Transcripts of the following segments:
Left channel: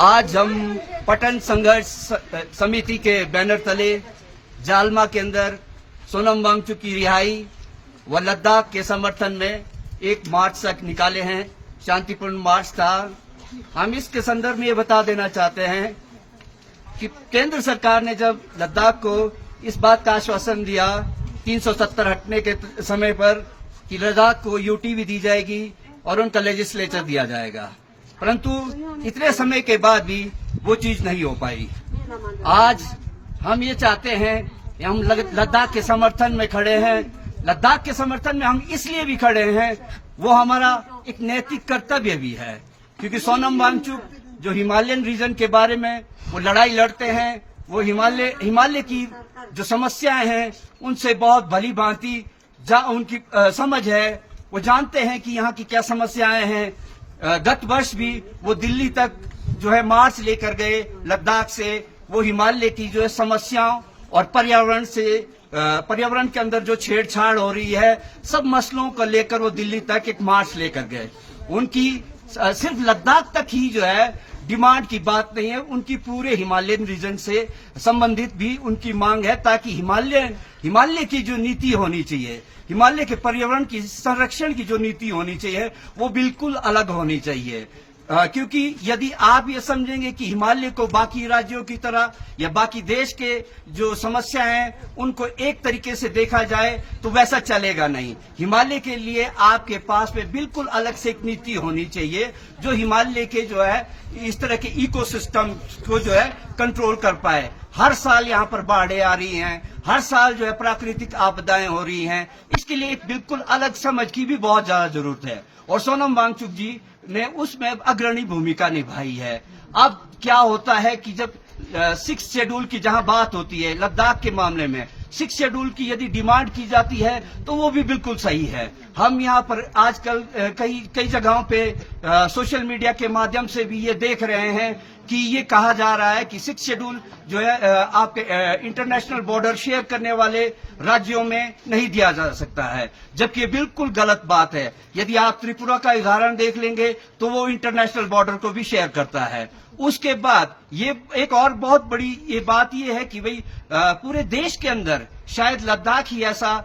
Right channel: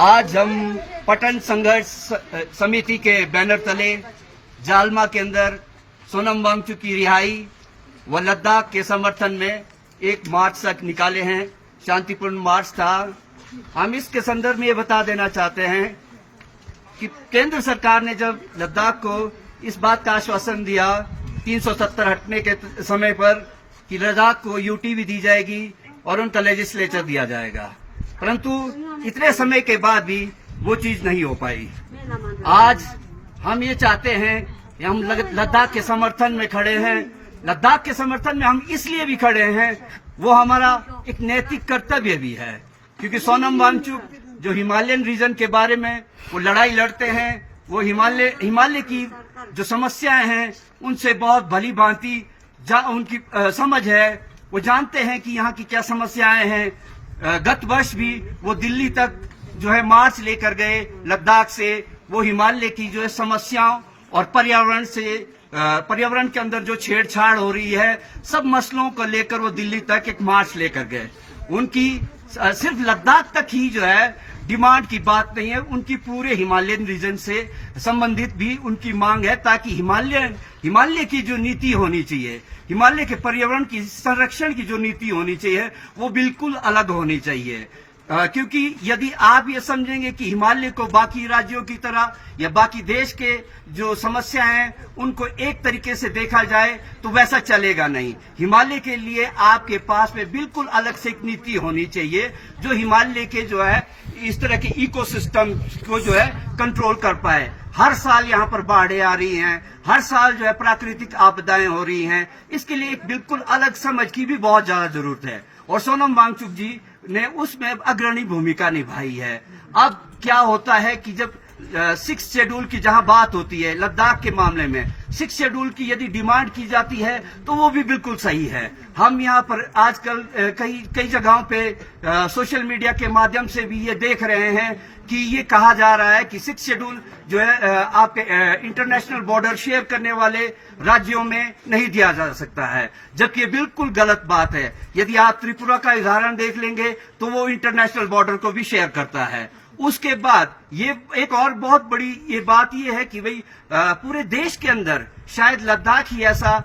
आज हम पटन संघर्ष समिति के बैनर तले जालमा के अंदर सोनम वांगचुक की रिहाई व लद्दाख के समर्थन में एक मार्च तक निकाले हैं। शांतिपूर्ण मार्च था। हम इसके संदर्भ में ये बता देना चाहते हैं कि केंद्र सरकार ने जब लद्दाख को इस बात का आश्वासन दिया 370 हटने के समय पर कि लद्दाख को यूटी भी दी जाएगी और उनका लेजिस्लेचर दिया जाएगा, परंतु इतने समय के बाद भी वो चीज नहीं हो पाई। आज हम ये चाहते हैं कि हम लद्दाख के समर्थन में खड़े हैं। लद्दाख के समर्थन में हम इसलिए भी खड़े हैं, वो हमारा एक नैतिक कर्तव्य भी है, क्योंकि सोनम वांगचुक जो हिमालयन रीजन के बारे में वो लड़ाई लड़ते हैं, वो हिमालय की जो समस्याएं हैं उनसे बहुत भली भांति उनकी समझ है। वो जानते हैं कि यहाँ की क्या समस्याएं हैं। गत वर्ष भी वो दिल्ली तक जो है मार्च लेकर गए लद्दाख से। वो हिमालय की जो है समस्याओं और पर्यावरण के अंदर जो छेड़छाड़ हो रही है, सब मसलों को लेकर वो दिल्ली तक एक मार्च लेकर गए। उनकी सिर्फ लद्दाख तक ही जो है डिमांड की बात नहीं है, उनकी पूरे हिमालयन रीजन से संबंधित भी उनकी मांग है, ताकि हिमालय की जो नीति होनी चाहिए, हिमालय के पर्यावरण की संरक्षण की जो नीति होनी चाहिए, वो बिल्कुल अलग होनी चाहिए। क्योंकि यदि आप ये समझेंगे कि हिमालय को बाकी राज्यों की तरह या बाकी देश के जो समस्या हैं उनको एक तरीके से देखा जाए, तो वैसा चलेगा नहीं। हिमालय के लिए आपके पास में बिल्कुल अलग से एक नीति होनी चाहिए, जो हिमालय के जो है इस तरह के इकोसिस्टम को जो है कंट्रोल कर पाए। हर साल यहाँ पर बाढ़ें आ रही हैं, हर साल जो है प्राकृतिक आपदाएं हो रही हैं। इसके लिए एक बिल्कुल अलग समझ की भी बहुत ज्यादा जरूरत है, और सोनम वांगचुक जी ने उसमें अग्रणी भूमिका निभाई है। अब क्या होता है कि जब 6 शेड्यूल की जहां बात होती है लद्दाख के मामले में, 6 शेड्यूल की यदि डिमांड की जाती है तो वो भी बिल्कुल सही है। हम यहाँ पर आजकल कई जगहों पे सोशल मीडिया के माध्यम से भी ये देख रहे हैं कि ये कहा जा रहा है कि 6 शेड्यूल जो है आपके इंटरनेशनल बॉर्डर शेयर करने वाले राज्यों में नहीं दिया जा सकता है, जबकि ये बिल्कुल गलत बात है। यदि आप त्रिपुरा का उदाहरण देख लेंगे तो वो इंटरनेशनल बॉर्डर को भी शेयर करता है। उसके बाद ये एक और बहुत बड़ी ये बात ये है कि भाई पूरे देश के अंदर शायद लद्दाख ही ऐसा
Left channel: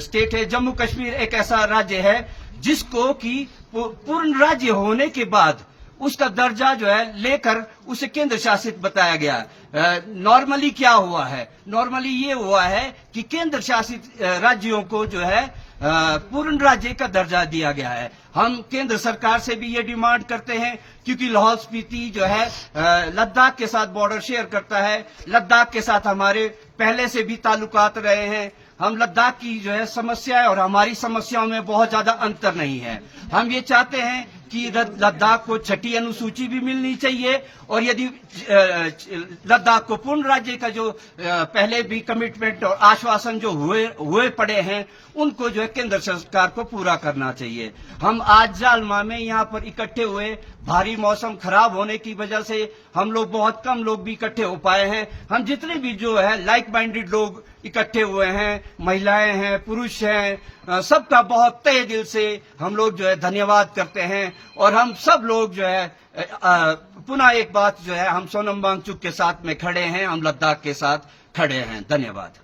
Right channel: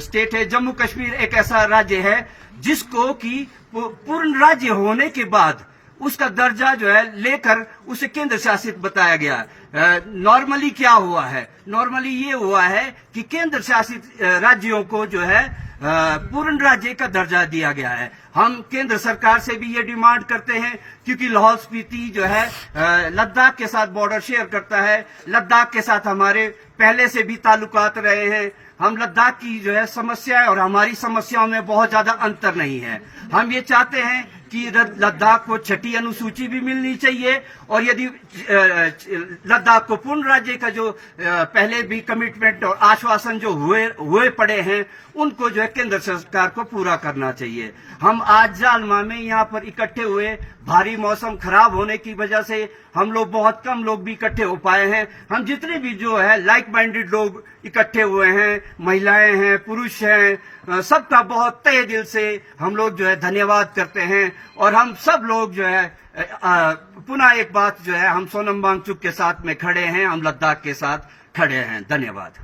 स्टेट है, जम्मू कश्मीर एक ऐसा राज्य है जिसको कि पूर्ण राज्य होने के बाद उसका दर्जा जो है लेकर उसे केंद्र शासित बताया गया। नॉर्मली क्या हुआ है? नॉर्मली ये हुआ है कि केंद्र शासित राज्यों को जो है पूर्ण राज्य का दर्जा दिया गया है। हम केंद्र सरकार से भी ये डिमांड करते हैं, क्योंकि लाहौल स्पीति जो है लद्दाख के साथ बॉर्डर शेयर करता है। लद्दाख के साथ हमारे पहले से भी ताल्लुकात रहे हैं। हम लद्दाख की जो है समस्या और हमारी समस्याओं में बहुत ज्यादा अंतर नहीं है। हम ये चाहते हैं कि लद्दाख को 6ठी अनुसूची भी मिलनी चाहिए, और यदि लद्दाख को पूर्ण राज्य का जो पहले भी कमिटमेंट और आश्वासन जो हुए पड़े हैं, उनको जो है केंद्र सरकार को पूरा करना चाहिए। हम आज जालमा में यहाँ पर इकट्ठे हुए, भारी मौसम खराब होने की वजह से हम लोग बहुत कम लोग भी इकट्ठे हो पाए हैं। हम जितने भी जो है लाइक माइंडेड लोग इकट्ठे हुए हैं, महिलाएं हैं, पुरुष हैं, सबका बहुत तहे दिल से हम लोग जो है धन्यवाद करते हैं। और हम सब लोग जो है पुनः एक बात जो है, हम सोनम वांगचुक के साथ में खड़े हैं, हम लद्दाख के साथ खड़े हैं। धन्यवाद।